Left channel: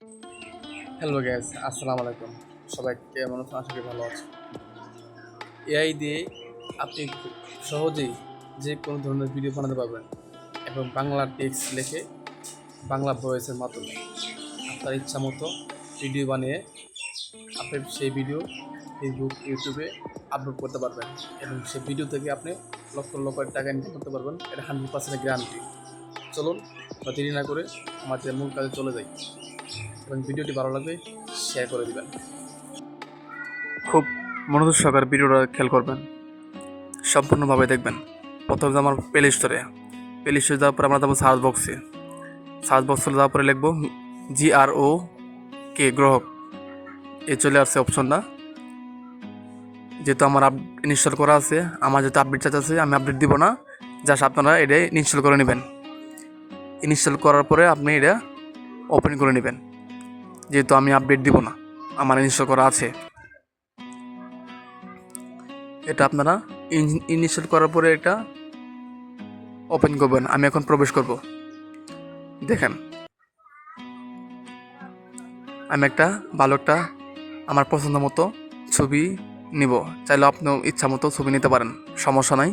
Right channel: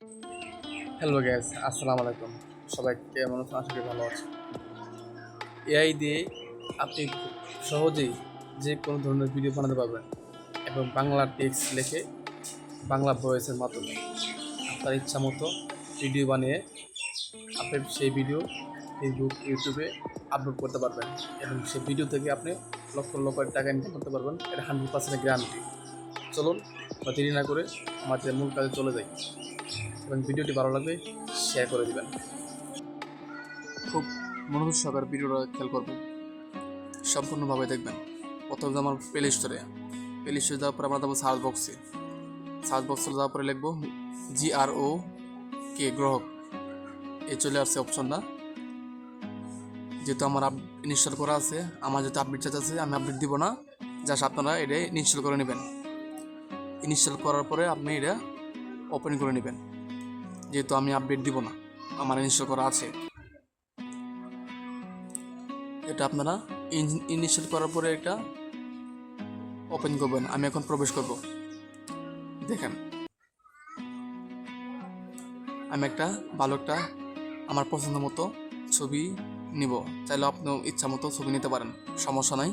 Hello gas, আসসালামু আলাইকুম। সবাই কেমন আছেন? আশা করি ভালো আছে। এআই দিয়ে আপনি খুব সহজেই যে কোনো ধরনের ভিডিও বানাতে পারবেন এবং বাংলা টেক্সট লিখে বাংলা ভয়েসের মাধ্যমে আপনার ইচ্ছা মতো ভিডিও বানিয়ে আপনি সেই ভিডিও ফেসবুক, ইউটিউবে আপলোড করতে পারবেন এবং সেই ভিডিও থেকে আপনি লক্ষ লক্ষ টাকা ইনকাম করতে পারবেন। এটা 100% গ্যারান্টি। চলুন বা দেরি না করে আমাদের মূল কাজে চলে যাই এবং ভিডিওটি ভালো লাগবে শেয়ার করে দিবেন। খুব মনোযোগ সহকারে ভিডিওটা খেয়াল করবেন, সম্পূর্ণভাবে দেখবেন। প্রথমে আমার প্লে স্টোরে যাওয়ার পরে আমরা যাবো সার্চ বক্সে যাওয়ার পরে লিখবো GROK গ্রহক। চলে আসছে অপশনটা। যেহেতু আমার ইনস্টল করা আছে, আমার যেহেতু আপডেট চার্জ আছে, আমি আপডেট দিব না, জাস্ট আপনারা এটা ইনস্টল করে নেবেন। ইনস্টল করার পরে আপনি এটা ওপেন করে নেবেন। যেহেতু আমি আপডেট দিব না, আমার ইনস্টল করা আছে। এটা আপনারা ইনস্টল করার পরে এটা ওপেন করবেন। আমি এখন প্রবেশ করব। দেখেন, আমি ভালো একটা আমার পছন্দ মতো ছবি নিব। চাইলে আপনিও ইচ্ছা মতো ছবি নিতে পারেন, সমস্যা নাই।